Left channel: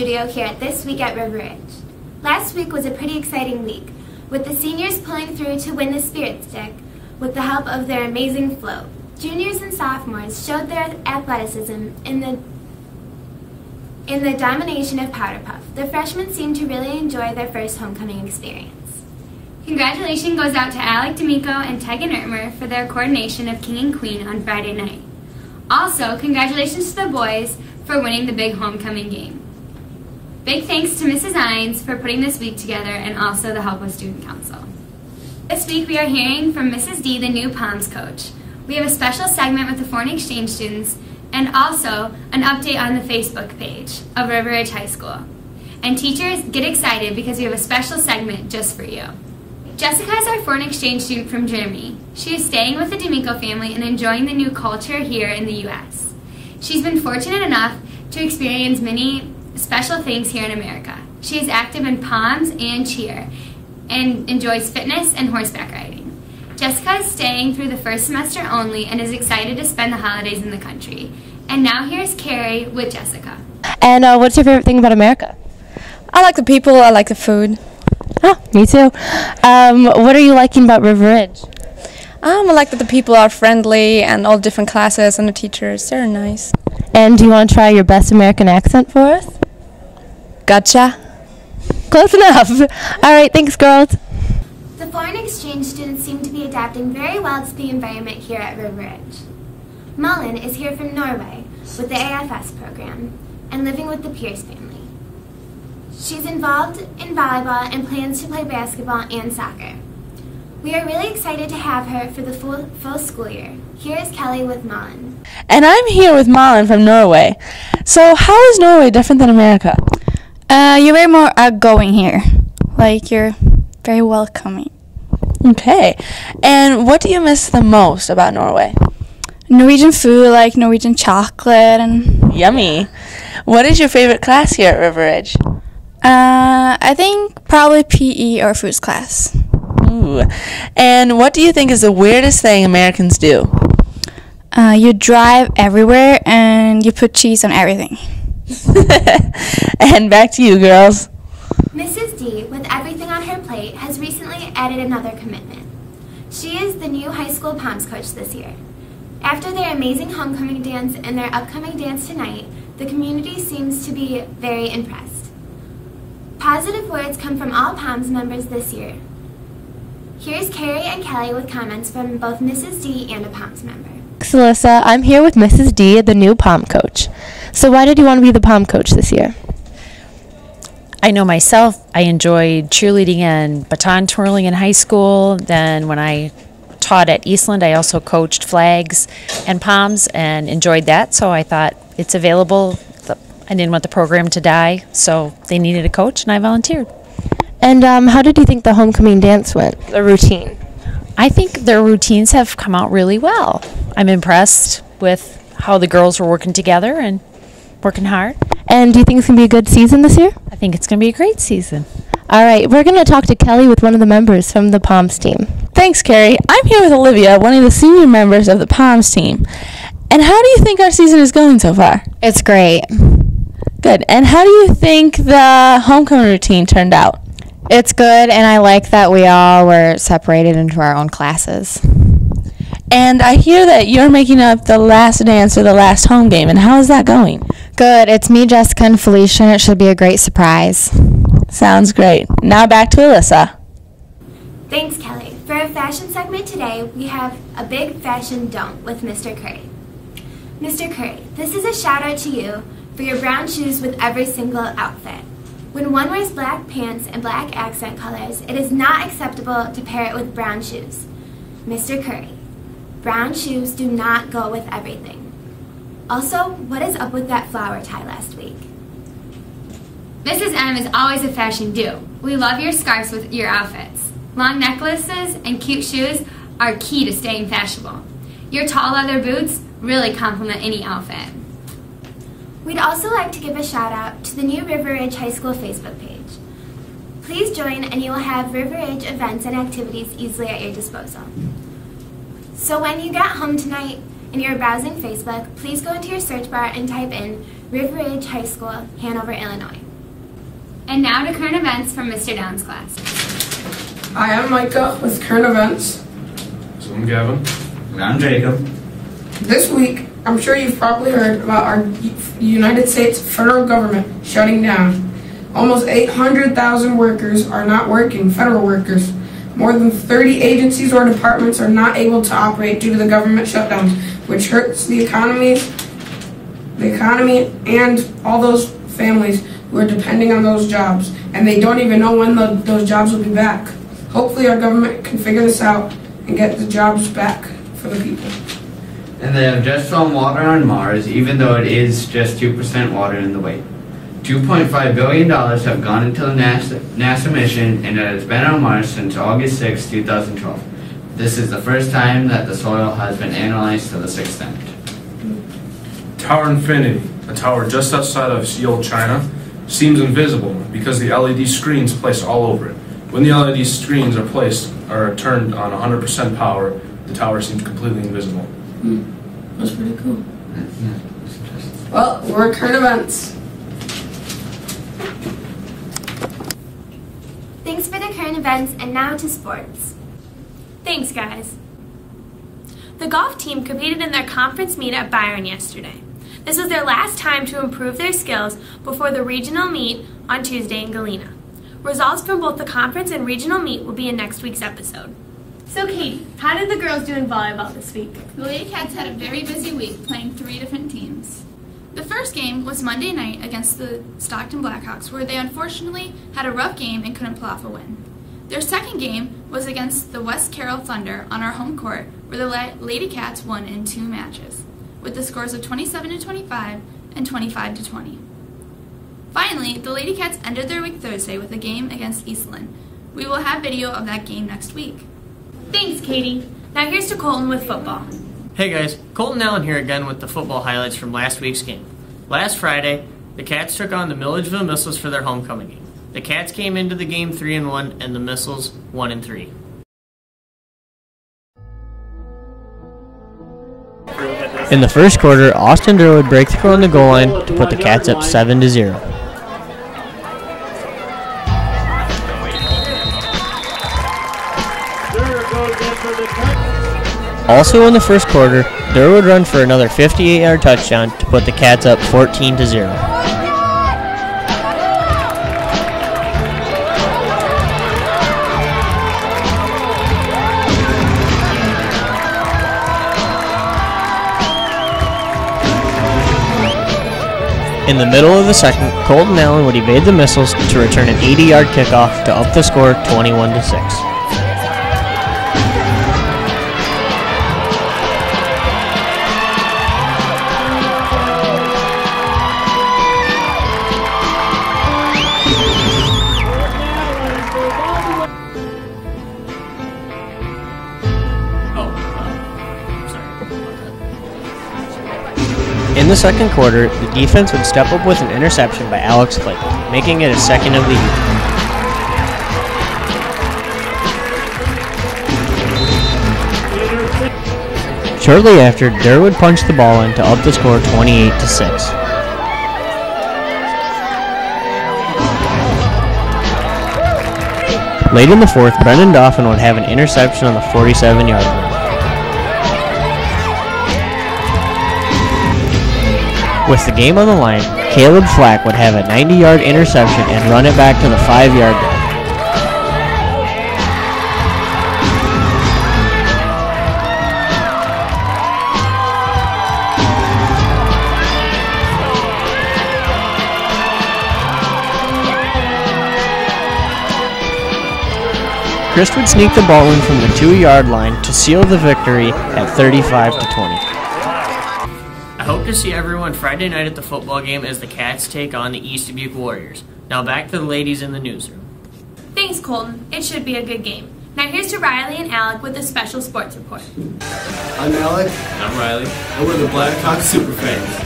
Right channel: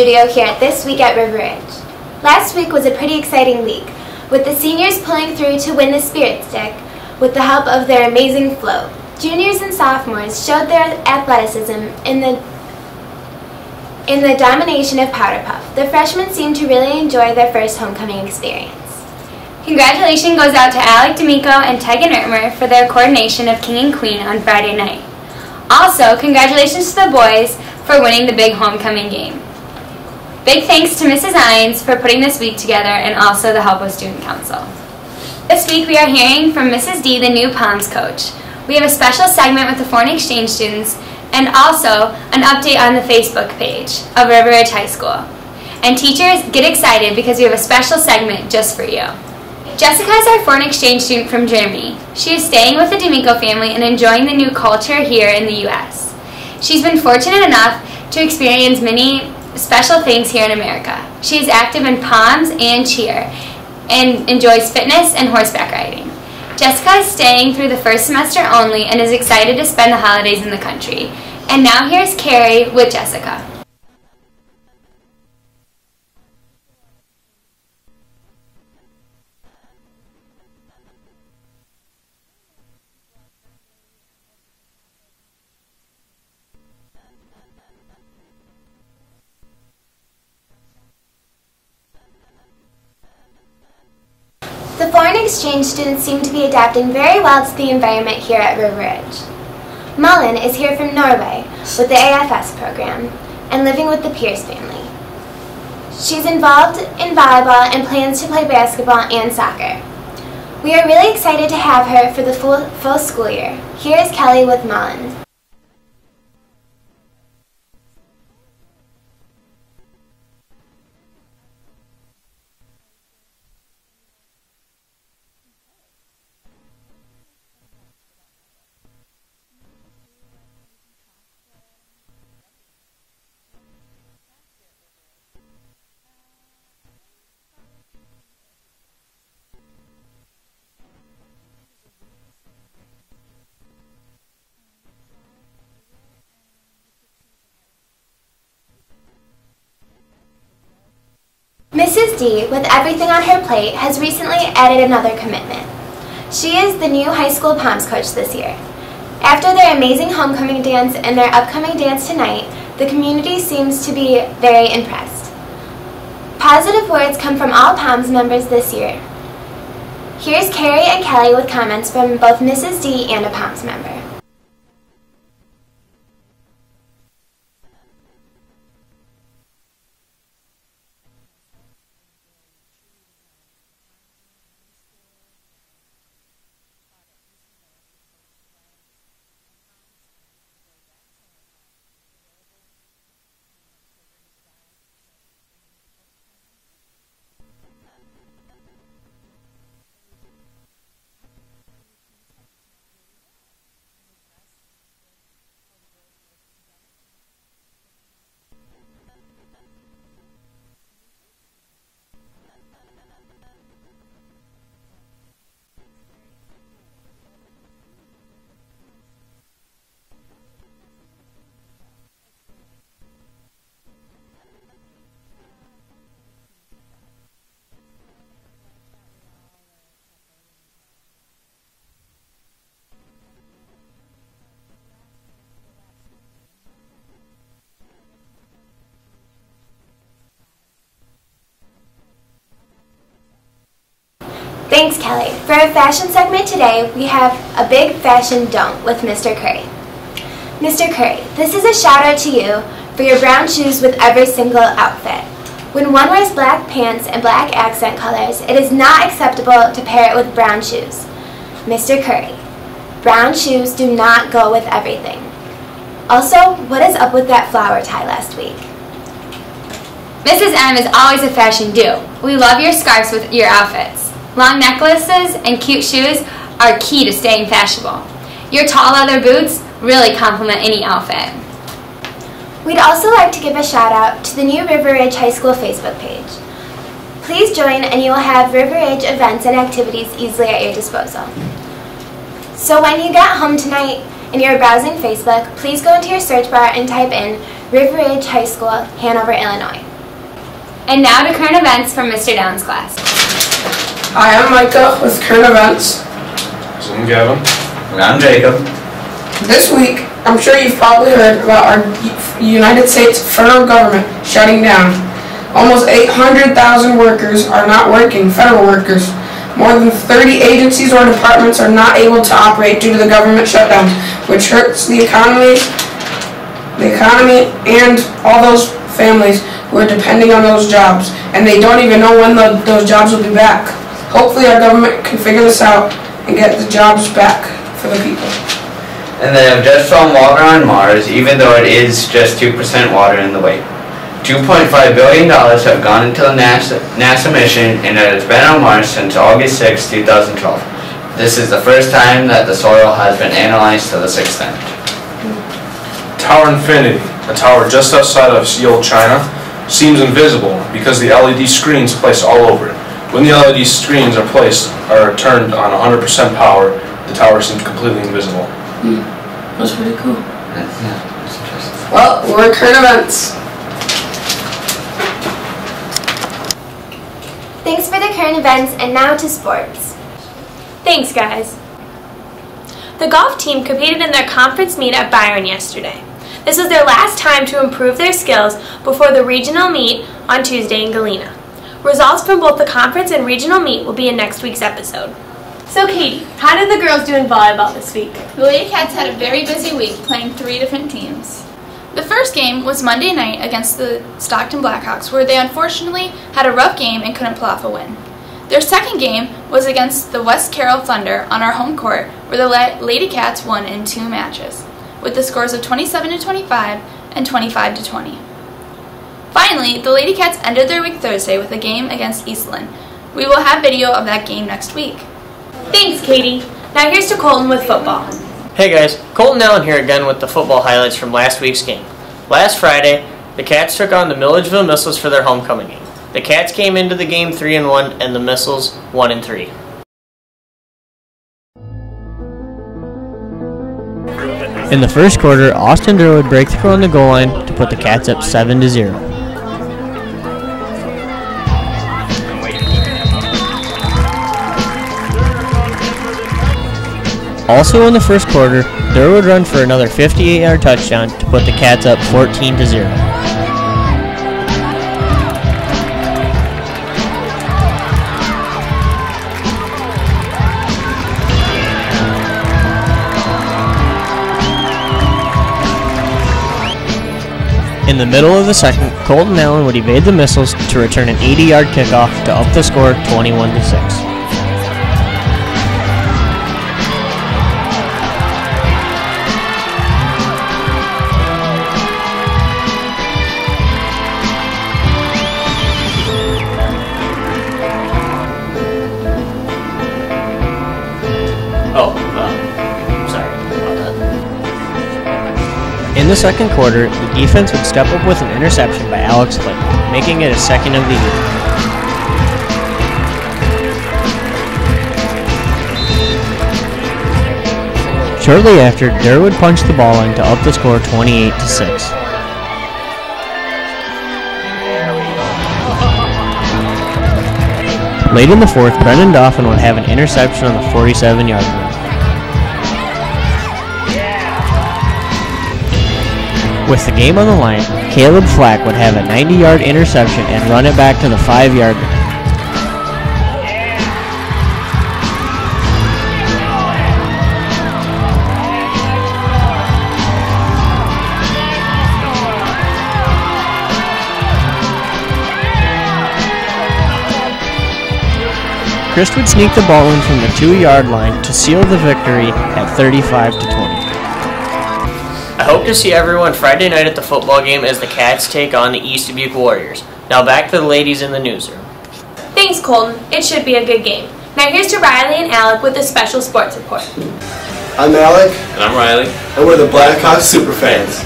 studio here at This Week at River Ridge. Last week was a pretty exciting week, with the seniors pulling through to win the Spirit Stick with the help of their amazing float. Juniors and sophomores showed their athleticism in the domination of Powder Puff. The freshmen seemed to really enjoy their first homecoming experience. Congratulations goes out to Alec D'Amico and Tegan Ertmer for their coordination of King and Queen on Friday night. Also, congratulations to the boys for winning the big homecoming game. Big thanks to Mrs. Ines for putting this week together and also the help of Student Council. This week we are hearing from Mrs. D, the new Palms coach. We have a special segment with the foreign exchange students and also an update on the Facebook page of River Ridge High School. And teachers, get excited because we have a special segment just for you. Jessica is our foreign exchange student from Germany. She is staying with the D'Amico family and enjoying the new culture here in the U.S. She's been fortunate enough to experience many special things here in America. She is active in Palms and cheer and enjoys fitness and horseback riding. Jessica is staying through the first semester only and is excited to spend the holidays in the country. And now here's Carrie with Jessica. And what's your favorite thing about America? I like the people, I like the food. Oh, me too. What are you liking about River Ridge? I like that the people are friendly and all different classes and the teachers, they're nice. And do you want to try your best American accent for us? Gotcha. Close enough. All right, thanks, girls. The foreign exchange students seem to be adapting very well to the environment here at River Ridge. Mullen is here from Norway with the AFS program and living with the Pierce family. She's involved in volleyball and plans to play basketball and soccer. We are really excited to have her for the full school year. Here is Kelly with Mullen. And I'm here with Malin from Norway. So how is Norway different than America? You're very more outgoing here. Like, you're very welcoming. Okay. And what do you miss the most about Norway? Norwegian food, like Norwegian chocolate and... Yummy. What is your favorite class here at River Ridge? I think probably PE or foods class. Ooh. And what do you think is the weirdest thing Americans do? You drive everywhere and you put cheese on everything. And back to you, girls. Mrs. D, with everything on her plate, has recently added another commitment. She is the new high school Palms coach this year. After their amazing homecoming dance and their upcoming dance tonight, the community seems to be very impressed. Positive words come from all Palms members this year. Here's Carrie and Kelly with comments from both Mrs. D and a Palms member. Thanks, Alyssa. I'm here with Mrs. D, the new Palm coach. So why did you want to be the Palm coach this year? I know myself, I enjoyed cheerleading and baton twirling in high school. Then when I taught at Eastland, I also coached flags and Palms and enjoyed that. So I thought it's available. I didn't want the program to die, so they needed a coach, and I volunteered. And how did you think the homecoming dance went, the routine? I think their routines have come out really well. I'm impressed with how the girls were working together and working hard. And do you think it's going to be a good season this year? I think it's going to be a great season. All right, we're going to talk to Kelly with one of the members from the Palms team. Thanks, Carrie. I'm here with Olivia, one of the senior members of the Palms team. And how do you think our season is going so far? It's great. Good. And how do you think the homecoming routine turned out? It's good, and I like that we all were separated into our own classes. And I hear that you're making up the last dance for the last home game, and how is that going? Good. It's me, Jessica, and Felicia, and it should be a great surprise. Sounds great. Now back to Alyssa. Thanks, Kelly. For our fashion segment today, we have a big fashion don't with Mr. Curry. Mr. Curry, this is a shout out to you for your brown shoes with every single outfit. When one wears black pants and black accent colors, it is not acceptable to pair it with brown shoes. Mr. Curry, brown shoes do not go with everything. Also, what is up with that flower tie last week? Mrs. M is always a fashion do. We love your scarves with your outfits. Long necklaces and cute shoes are key to staying fashionable. Your tall leather boots really complement any outfit. We'd also like to give a shout out to the new River Ridge High School Facebook page. Please join and you will have River Ridge events and activities easily at your disposal. So when you get home tonight and you're browsing Facebook, please go into your search bar and type in River Ridge High School, Hanover, Illinois. And now to current events from Mr. Down's class. Hi, I'm Micah with current events. I'm Gavin. And I'm Jacob. This week, I'm sure you've probably heard about our United States federal government shutting down. Almost 800,000 workers are not working, federal workers. More than 30 agencies or departments are not able to operate due to the government shutdowns, which hurts the economy and all those families who are depending on those jobs, and they don't even know when those jobs will be back. Hopefully our government can figure this out and get the jobs back for the people. And they have just found water on Mars, even though it is just 2% water in the weight. $2.5 billion have gone into the NASA mission, and it has been on Mars since August 6, 2012. This is the first time that the soil has been analyzed to this extent. Tower Infinity, a tower just outside of Seoul, China, seems invisible because the LED screens placed all over it. When the LED screens are turned on 100% power, the tower seems completely invisible. That's pretty cool. Yeah, that's interesting. Well, we're current events. Thanks for the current events, and now to sports. Thanks, guys. The golf team competed in their conference meet at Byron yesterday. This was their last time to improve their skills before the regional meet on Tuesday in Galena. Results from both the conference and regional meet will be in next week's episode. So Katie, how did the girls do in volleyball this week? The Lady Cats had a very busy week playing 3 different teams. The first game was Monday night against the Stockton Blackhawks, where they unfortunately had a rough game and couldn't pull off a win. Their second game was against the West Carroll Thunder on our home court, where the Lady Cats won in 2 matches, with the scores of 27-25 and 25-20. Finally, the Lady Cats ended their week Thursday with a game against Eastland. We will have video of that game next week. Thanks, Katie. Now here's to Colton with football. Hey guys, Colton Allen here again with the football highlights from last week's game. Last Friday, the Cats took on the Milledgeville Missiles for their homecoming game. The Cats came into the game 3-1 and the Missiles 1-3. In the first quarter, Austin Durwood break through on the goal line to put the Cats up 7-0. Also in the first quarter, Durwood run for another 58-yard touchdown to put the Cats up 14-0. In the middle of the second, Colton Allen would evade the Missiles to return an 80-yard kickoff to up the score 21-6. In the second quarter, the defense would step up with an interception by Alex Clayton, making it his second of the year. Shortly after, Durwood punched the ball in to up the score 28-6. Late in the fourth, Brendan Dauphin would have an interception on the 47-yard line. With the game on the line, Caleb Flack would have a 90-yard interception and run it back to the 5-yard line. Christ would sneak the ball in from the 2-yard line to seal the victory at 35-20. I hope to see everyone Friday night at the football game as the Cats take on the East Dubuque Warriors. Now back to the ladies in the newsroom. Thanks, Colton. It should be a good game. Now here's to Riley and Alec with a special sports report. I'm Alec. And I'm Riley. And we're the Blackhawks Superfans.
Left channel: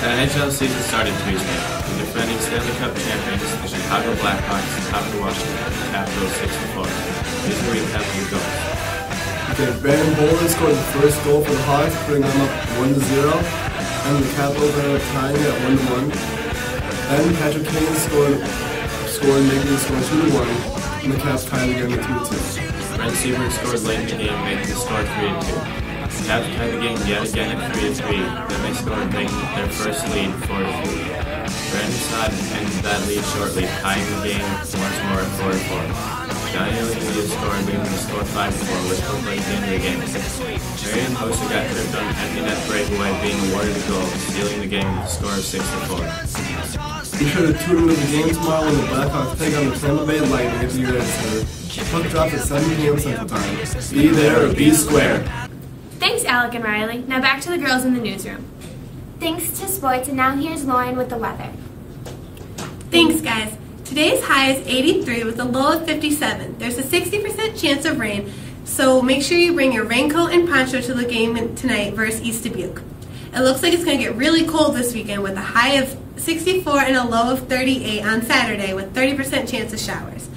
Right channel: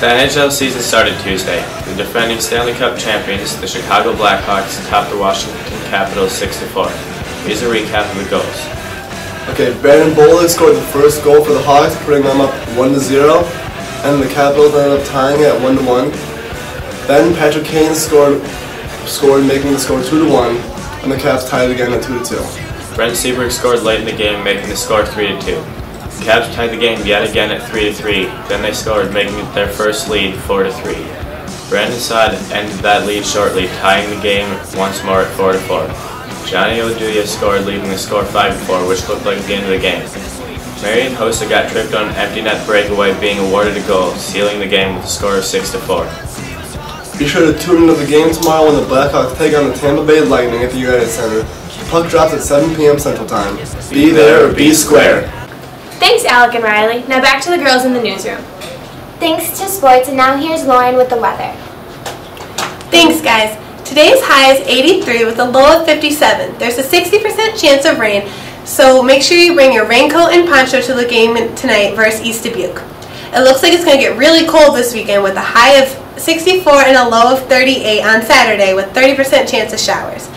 The NHL season started Tuesday. The defending Stanley Cup champions, the Chicago Blackhawks, topped the Washington Capitals 6-4. Here's a recap of the goals. Okay, Brandon Bollig scored the first goal for the Hawks, putting them up 1-0. And the Capitals ended up tying it at 1-1. Then Patrick Kane scored scored, making the score 2-1, and the Caps tied again at 2-2. Brent Seabrook scored late in the game, making the score 3-2. The Caps tied the game yet again at 3-3, then they scored, making their first lead 4-3. Brandon Saad ended that lead shortly, tying the game once more at 4-4. Johnny Oduya scored, leaving the score 5-4, which looked like the end of the game. Marian Hossa got tripped on an empty net breakaway, being awarded a goal, sealing the game with a score of 6-4. Be sure to tune into the game tomorrow when the Blackhawks take on the Tampa Bay Lightning at the United Center. The puck drops at 7 p.m. Central Time. Be there or be square. Thanks, Alec and Riley. Now back to the girls in the newsroom. Thanks to sports, and now here's Lauren with the weather. Thanks, guys. Today's high is 83 with a low of 57. There's a 60% chance of rain, so make sure you bring your raincoat and poncho to the game tonight versus East Dubuque. It looks like it's going to get really cold this weekend with a high of 64 and a low of 38 on Saturday with 30% chance of showers.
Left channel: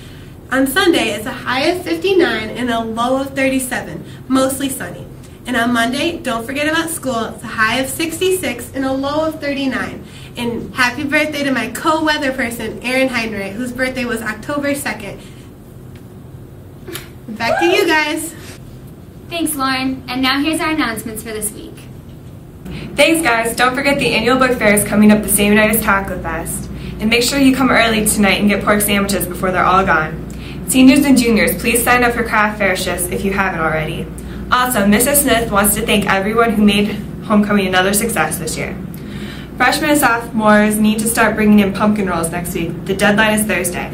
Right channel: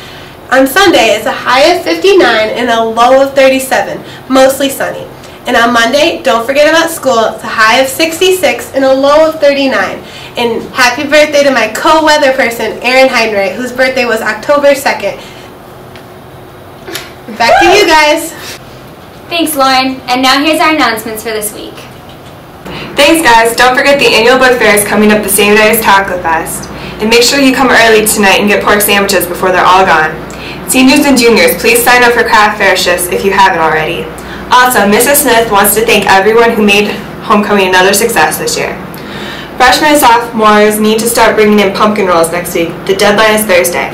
On Sunday, it's a high of 59 and a low of 37, mostly sunny. And on Monday, don't forget about school. It's a high of 66 and a low of 39. And happy birthday to my co-weather person, Erin Heinrich, whose birthday was October 2nd. Back to you guys. Thanks, Lauren. And now here's our announcements for this week. Thanks, guys. Don't forget the annual book fair is coming up the same night as Taco Fest. And make sure you come early tonight and get pork sandwiches before they're all gone. Seniors and juniors, please sign up for craft fair shifts if you haven't already. Also, Mrs. Smith wants to thank everyone who made homecoming another success this year. Freshmen and sophomores need to start bringing in pumpkin rolls next week. The deadline is Thursday.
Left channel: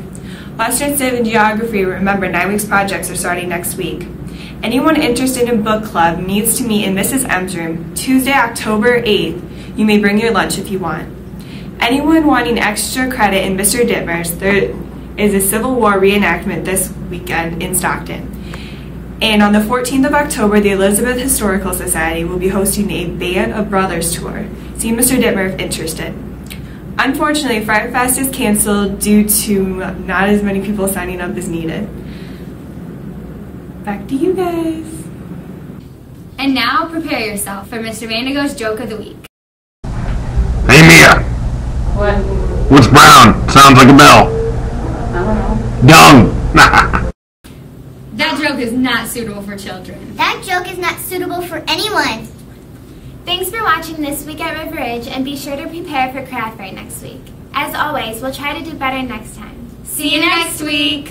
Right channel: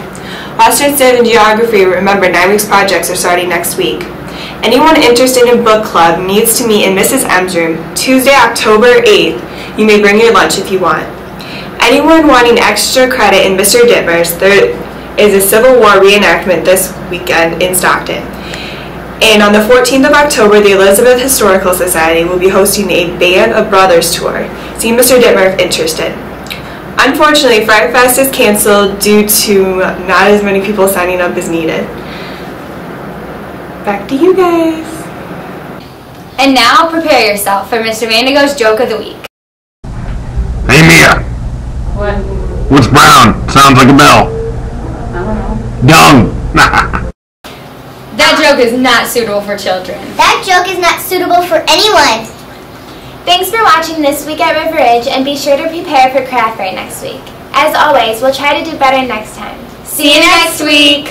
Western Civ and Geography, remember 9 weeks projects are starting next week. Anyone interested in book club needs to meet in Mrs. M's room Tuesday, October 8th. You may bring your lunch if you want. Anyone wanting extra credit in Mr. Dittmer's, there is a Civil War reenactment this weekend in Stockton. And on the 14th of October, the Elizabeth Historical Society will be hosting a Band of Brothers tour. See Mr. Dittmer if interested. Unfortunately, Fright Fest is canceled due to not as many people signing up as needed. Back to you guys. And now prepare yourself for Mr. Vandigo's Joke of the Week. Hey Mia. What? What's brown? Sounds like a bell. I don't know. Dung. That joke is not suitable for children. That joke is not suitable for anyone. Thanks for watching This Week at River Ridge, and be sure to prepare for craft fair next week. As always, we'll try to do better next time. See you next week.